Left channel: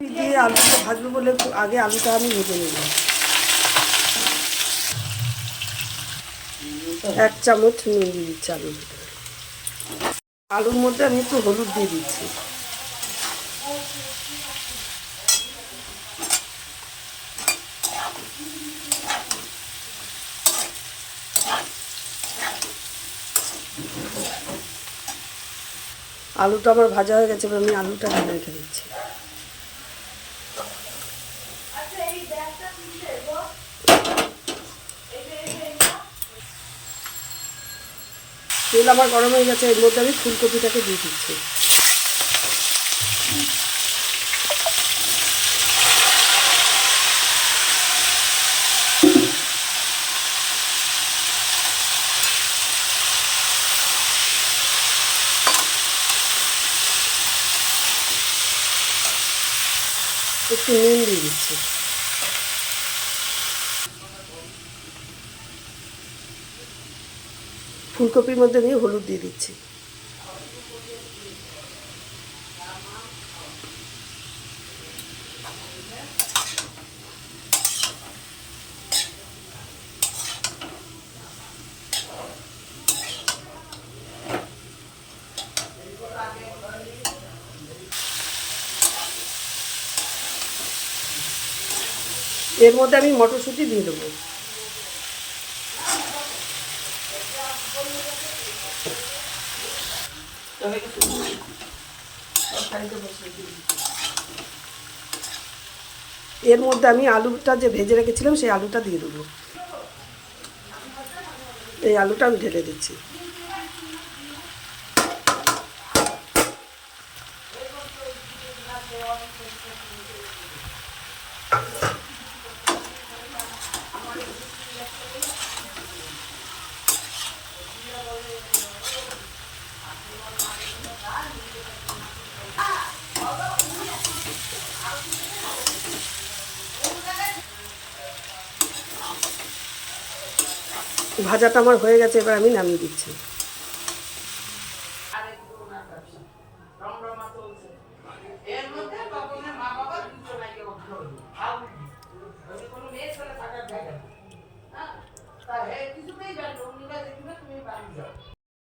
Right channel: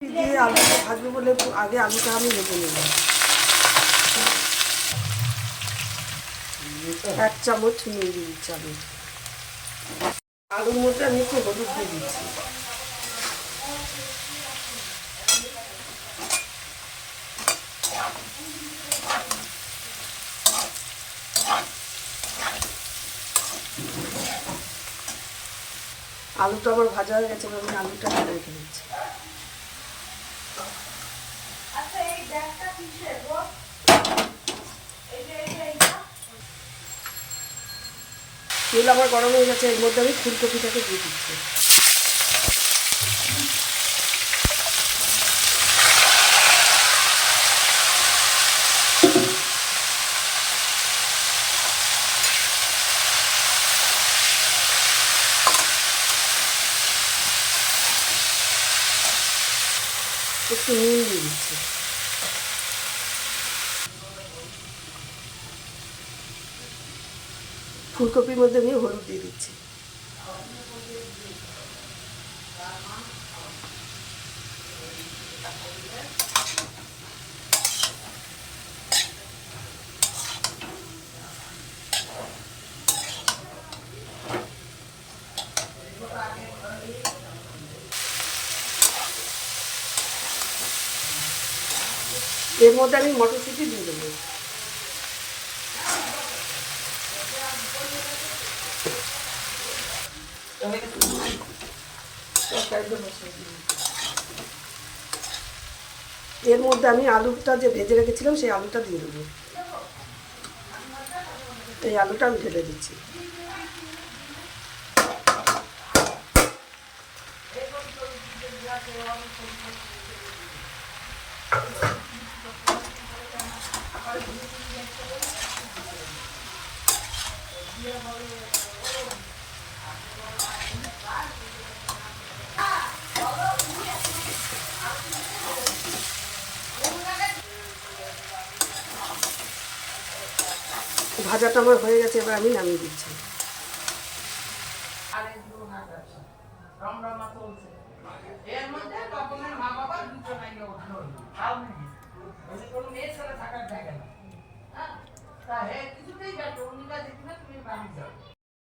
দিয়ে আলুটা ভাজবো বলে আগে আলুটা আমি ভেজে নিলাম। 1 চামচ নুন দিয়ে দিচ্ছি আলুর মধ্যে আমি একটু হলুদ দিয়ে দিচ্ছি। আলুটা আমার ভাজা হয়ে গেছে, আমি আলুটা ঢেলে রেখে দিচ্ছি। তেল আমার গরম হয়ে গেছে, এর মধ্যে আমি ফুলকপিটাকে দিয়ে দিচ্ছি। একটু নুন দিয়ে দিচ্ছি। ফুলকপির মধ্যে আমি হলুদ দিয়ে দিচ্ছি। এর মধ্যে আমি মটরশুঁটি দিয়ে দেবো। এর মধ্যে আমি আলুটা যে ভেজে রেখেছিলাম সেই আলুটা দিয়ে দেবো। এই আলুটা আমি ঢেলে দিচ্ছি। ভাজাটা আমার হয়ে গেছে, এবার আমি নামিয়ে দিচ্ছি।